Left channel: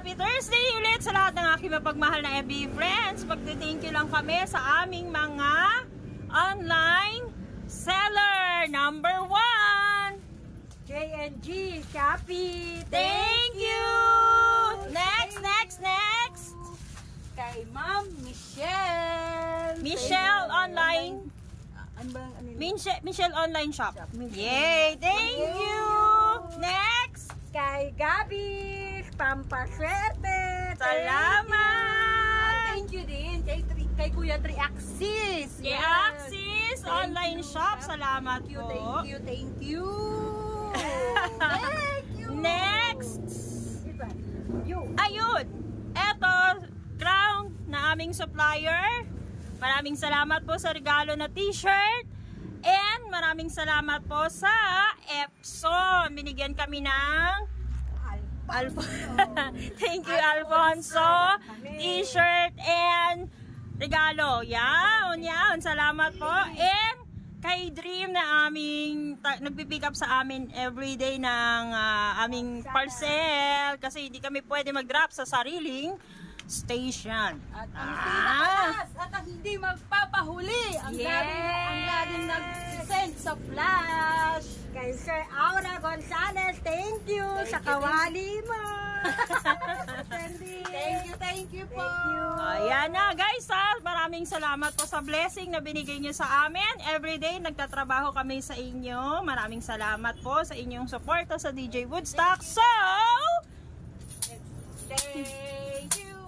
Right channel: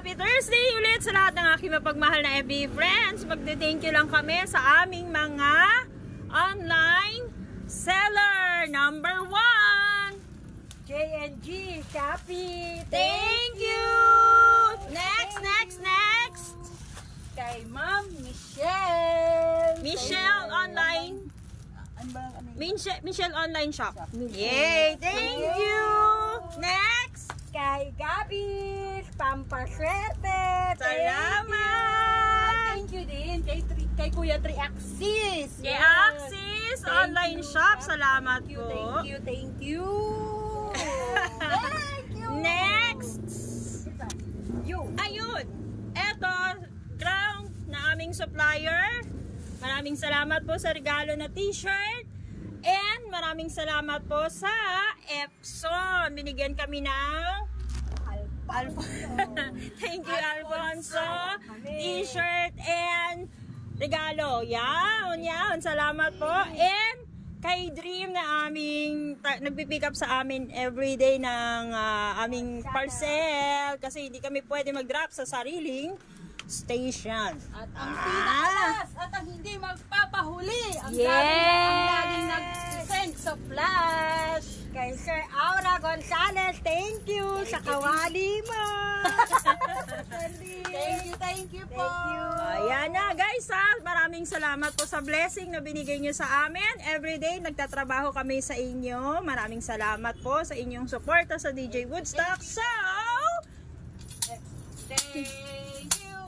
Happy Thursday ulit sa lahat ng aking mapagmahal na FB friends. Magde-thank you lang kami sa aming mga online seller. Number 1, J&G Shopee. thank you. Next. Kay Ma'am Michelle. Michelle Online. Michelle Online Shop. Yay, thank you. Next. Kay Gabi Pampaswerte. Salamat. Thank you din kay Kuya Triaxis. Kay Axis Online Shop. Salamat po. Thank you. Thank you. Next. Ayun. Eto, ground na aming supplier. Maraming salamat po sa regalo na t-shirt. And maraming salamat po sa Epson. Binigyan kami ng thank you, Alfonso. T-shirt and regalo. Yan. Salamat po. And kay Dream na aming nagpipick up sa amin everyday ng aming parcel. Kasi hindi kami pwede mag-drop sa sariling station. At ang hindi magpapahuli. Ang laging nag-send sa flash. Kay Sir Aura Gonzalez, thank you sa kawali mo. Thank you po. Ayan na guys ha. Maraming salamat po sa blessing na binigay nyo sa amin. Everyday nagtatrabaho kami sa inyo. Maraming salamat po sa inyong suporta sa DJ Woodstock. So, Thank you.